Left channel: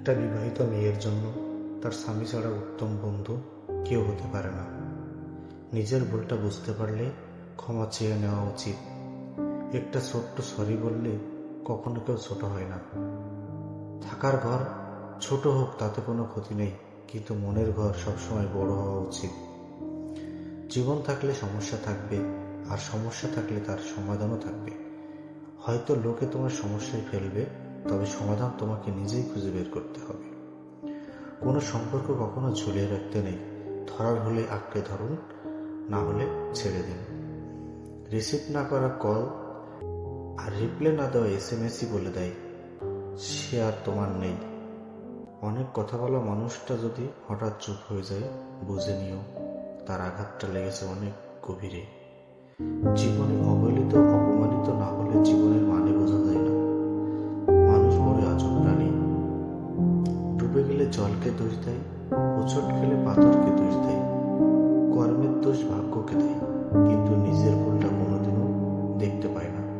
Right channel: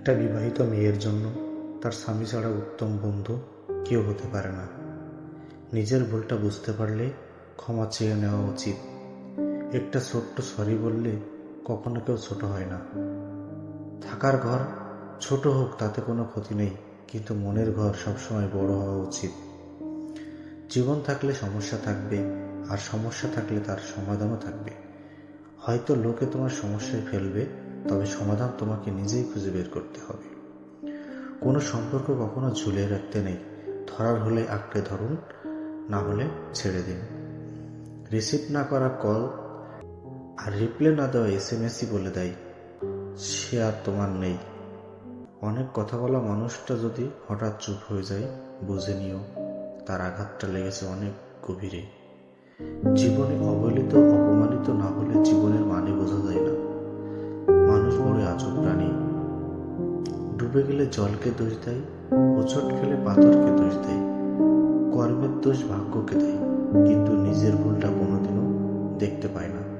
একটা বিবাহিত মেয়ের জন্য তার স্বামী ছাড়া উত্তম বন্ধু কেউ হতে পারে না। নিজের ভুলটা বুঝতে পারলে ক্ষমা চেয়ে নেওয়া উচিত। একটা ছোট্ট সরি বললে কখনো কেউ ছোট হয় না। থাকার ঘর ছোট হোক তাতে কোনো ক্ষতি নেই, কিন্তু মনের ঘর সবসময় বড় হওয়া উচিত। জীবন থাকলে সমস্যা থাকবে, আর সমস্যা থাকলে তার সমাধানও থাকবে। হয়তো লোকে তোমার সমস্যায় ফেলবে, তবে সমাধান তোমাকে নিজেই খুঁজে বের করতে হবে। কোনো সম্পর্ক কখনো ঝুলিয়ে রাখতে নেই। ধরার হলে আঁকড়ে ধরুন, না হলে ছেড়ে দিন। রিসিভ না করা কল আর রিপ্লাই না দেওয়া SMS-ই বলে দেয় সে আর তোমার নেই। অনেক কথা বলা মানুষটা যদি হঠাৎ চুপ হয়ে যায়, বুঝে নিও তার আঘাতটা লেগেছে অনেক গভীরে। জীবনে অবহেলিত অপমানিত না হলে জীবনের মানে বোঝা যায় না। মানুষ বড় আজব প্রাণী। ডুবে গেলে জলকে দোষ দেয়, হোঁচট খেলে পাথরকে দোষ দেয়, কর্মের দোষ ভাগ্যকে দেয়, কিন্তু নিজের ভুলটা কোনোদিনও দেখতে পায় না।